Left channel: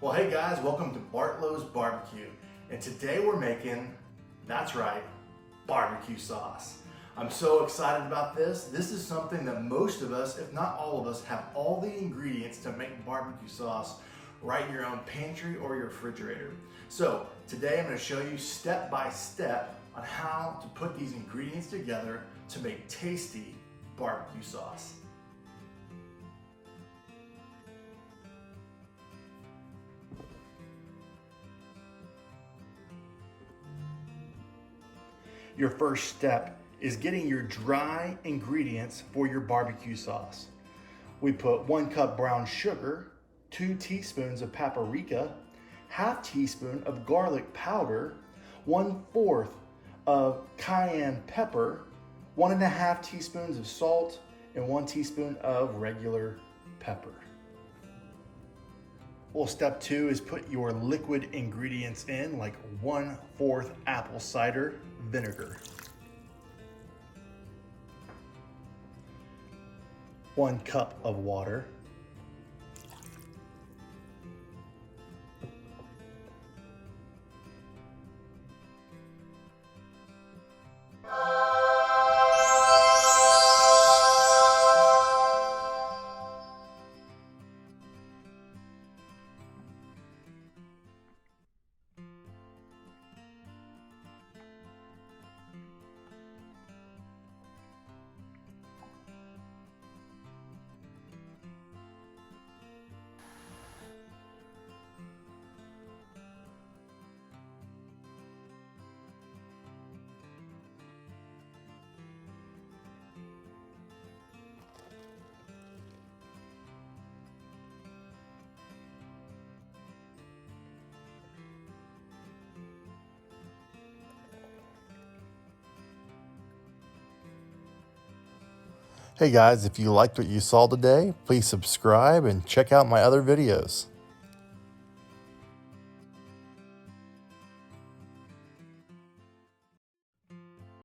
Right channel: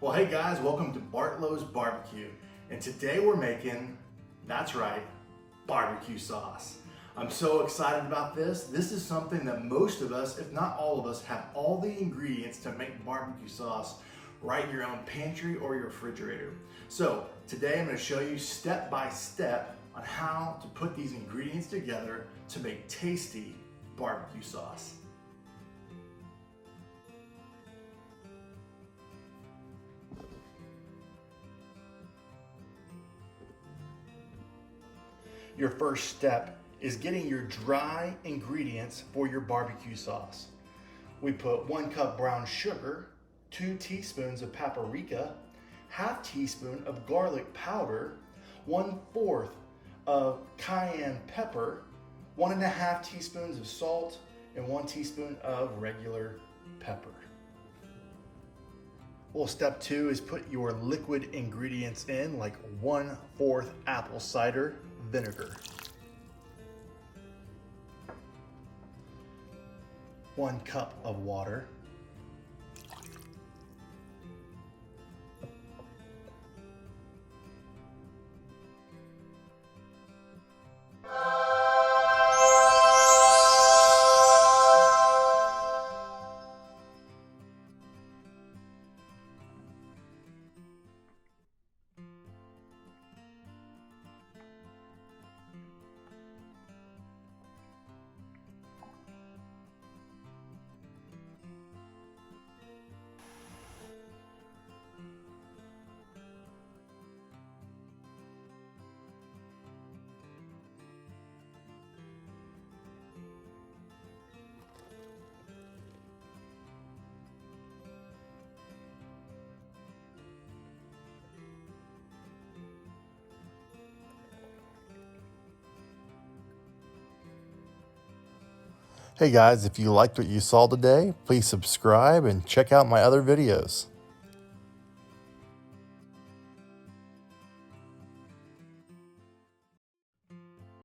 Well, hey guys, welcome to Bartlow's Barbecue. And today we're making, that's right, barbecue sauce. I'm so excited about this. This is something that most of us, if not all of us, have all the ingredients to make barbecue sauce right in your own pantry or your refrigerator. So today I'm going to show you step by step on how to put these ingredients together to make tasty barbecue sauce. Your first step is getting your dry ingredients for your barbecue sauce. We put 1 cup brown sugar, 2 teaspoons of paprika, ½ teaspoon of garlic powder, 1/4 of cayenne pepper, 1½ teaspoons of salt, and 1 teaspoon of regular pepper. Well, step 2 is put your liquid ingredients in, like 1/4 apple cider vinegar, 1 cup of water, Hey guys, if you liked what you saw today, please subscribe and check out my other videos.